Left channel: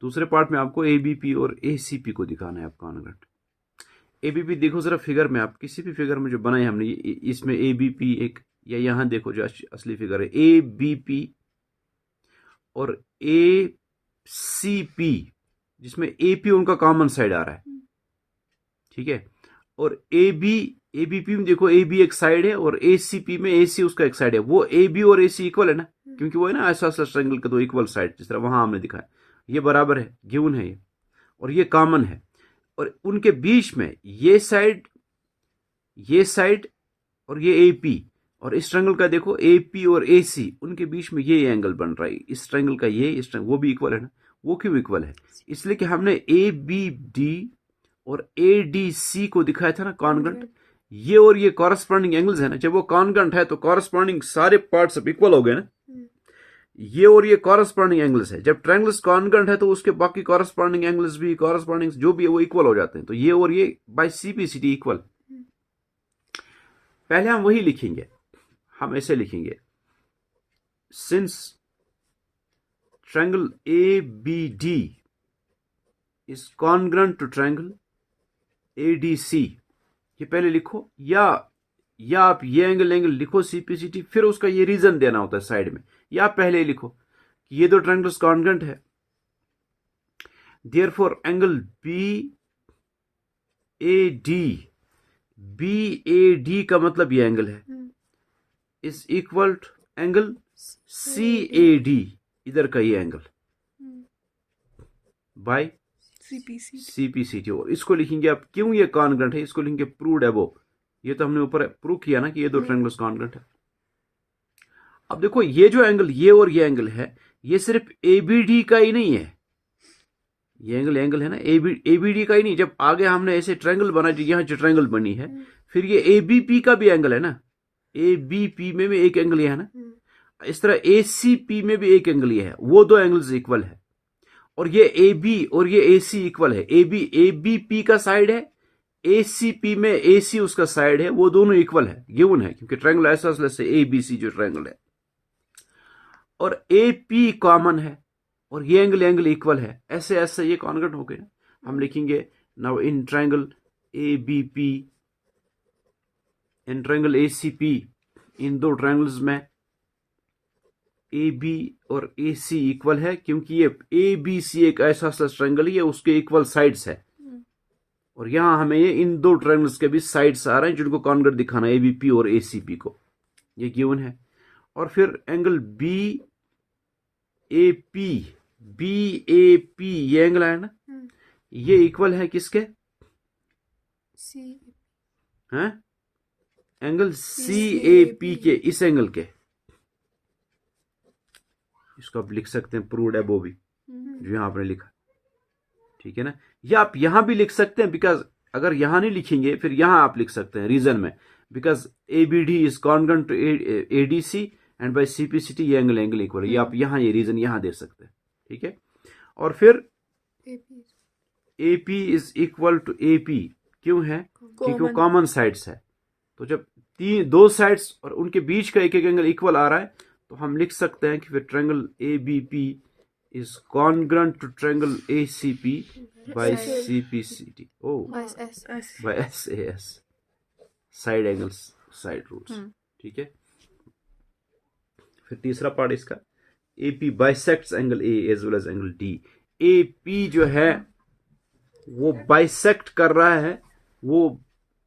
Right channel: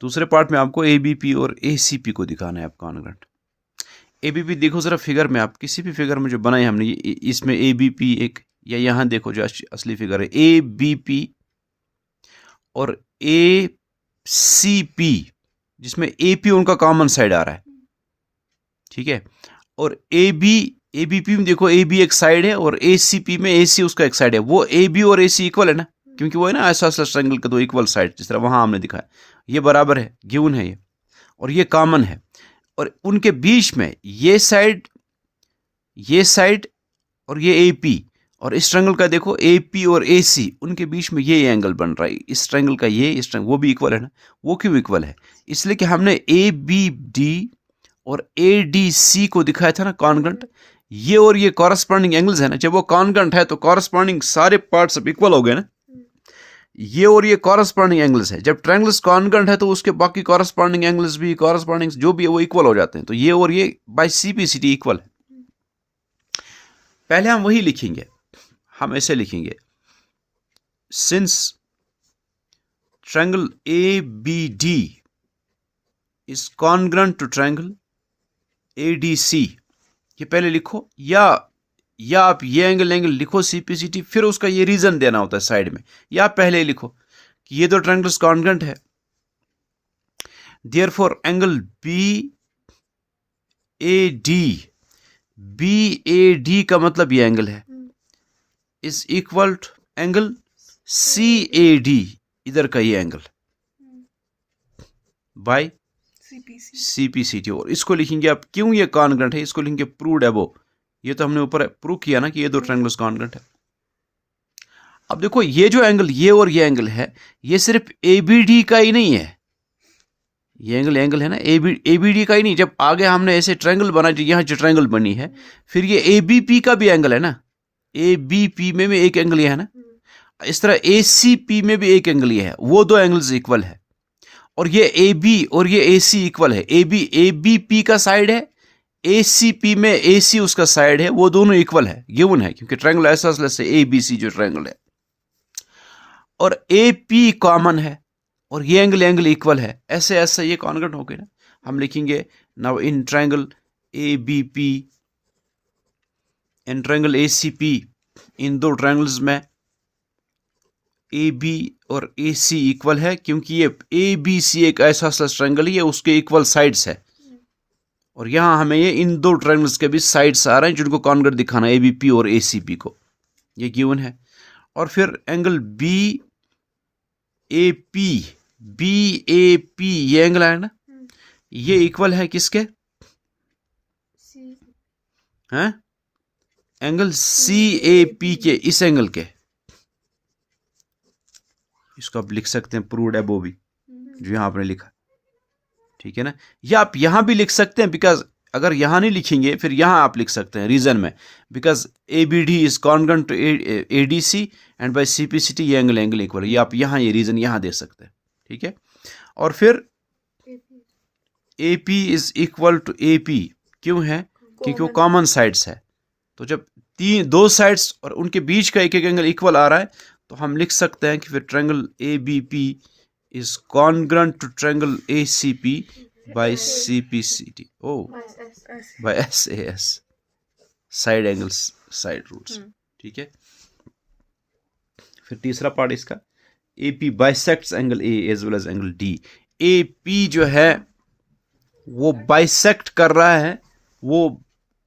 दूसरे पार्ट में आपको ABP और ACP को दिखाना है आप कॉन्ग्रुएंट। ABP देखो ज़रा फिगर में, आप किसी भी फिगर में जो बनाई हमने, इसमें ABP एक, या यहाँ देखो जो असली फिगर है ABP और ACP, जिसमें AP उनका कॉमन साइड आ रहा है, ठीक है। और ABP में देखो AB एक साइड है और ACP में AC उसका एक साइड है। वो AB और AC इक्वल है ना, क्योंकि वो है ना आइसोसेलेस ट्रायंगल के दो इक्वल साइड, जिस तरह वहां हमने दिखाया, ये बराबर है, गिवन है ये, और ये कॉमन है। और उनके बीच में ये साइड और ये AP, और इस ट्रायंगल का देखो AP और AC, उनके बीच में ये एंगल बन रहा है। इस ट्रायंगल का ये, इस ट्रायंगल वो भी इक्वल है ना। वो क्यों इक्वल है? इसलिए कि हमने ABD और ADC को दिखाया था ना कॉन्ग्रुएंट। ये और ये कॉरस्पॉन्डिंग एंगल्स है ना। जब वो कॉन्ग्रुएंट है तो कॉरस्पॉन्डिंग सारे पार्ट्स अब इक्वल हो गए ना। ये और ये कॉरस्पॉन्डिंग एंगल्स है। जब ट्रायंगल्स कॉन्ग्रुएंट है तो उसके बाकी कॉरस्पॉन्डिंग एंगल्स भी, कॉरस्पॉन्डिंग जो भी है वो इक्वल हो जाते हैं। तो ये और ये बाय CPCT इक्वल है। पहले हम वही लिखेंगे, हम ऐसे लिखेंगे, since triangle ABD is congruent to triangle ADC, ये पहले लिखो, या आप ये एंगल लिखो CPCT, फिर उसका ये रीजन देना होता है साइड में, या पहले ही लिखो कि ये दो ट्रायंगल्स कॉन्ग्रुएंट है, देयरफॉर एंगल BAD का मतलब ये एंगल है, is equal to angle CAD, इधर का ये एंगल, बाय CPCT। और इसको लिखेंगे आप, क्यों ये कॉन्ग्रुएंट है, इसको लिखेंगे प्रूव्ड अबव। ये तो हमने ऊपर प्रूव किया ना कि ये दो ट्रायंगल्स कॉन्ग्रुएंट है। अब देखो ये जो एंगल, ये और ये एंगल है, ये सिर्फ ABD का ही नहीं है। ये एंगल है ना ABD का ही नहीं। जब आगे हमने ऐसे ट्रायंगल बना, जो यहाँ जो ट्रायंगल बनी है, फिर ये ABP का भी एंगल है ना। ABP में भी एक एंगल ये है ना। इस तरह ACP में भी एक एंगल ये है। वो दो एंगल्स इक्वल है। और ये AB और ये AC इक्वल है। ABP का साइड है, ACP में AC उसका साइड है, वो दोनों इक्वल है, गिवन है, क्योंकि ट्रायंगल आइसोसेलेस से ABC जो ट्रायंगल है। और AP कॉमन है और ये एंगल इक्वल है। ऐसे ये कॉन्ग्रुएंट हो गए ना। हम लिखेंगे now in triangle ABP in triangle ACP, इन दो ट्रायंगल्स में AB और AC इक्वल है, क्योंकि ये ABC एक आइसोसेलेस ट्रायंगल है, ये उसके इक्वल साइड्स है। और यहां हमें ये इन दो ट्रायंगल्स के भी साइड्स आ रहे हैं जिनको कॉन्ग्रुएंट दिखाना है, ABP और ACP को, ये गिवन है। और फिर एंगल BAP ये एंगल है ना, ये इक्वल है किसके? हैं? एंगल CAP के, इस एंगल के। इसको आप लिख सकते हैं प्रूव्ड अबव भी, जो यहां आपने लिखा, ठीक है ना। या आप यहां भी लिख सकते हैं, बिकॉज अगर यहां नहीं लिखेंगे फिर यहां आप लिख सकते हैं रीजन में, because ABD is congruent to ADC and by CPCT ये एंगल इक्वल है। ये आप यहां ये रीजन यहां दे सकते हैं, ठीक है। और फिर AP is equal to AP क्यों है? क्योंकि वो कॉमन साइड्स है। तो जब दो साइड्स और उनके बीच का एक एंगल इक्वल आ रहा है, तो हम लिख सकते हैं कि फिर triangle ABP is congruent to triangle ACP by CPCT, by SAS, side angles, side roots, ठीक है। फिर तीसरा पार्ट इसका, AP bisects angle A as well as angle D। AP जो है वो बाइसेक्ट कर रहा है, वो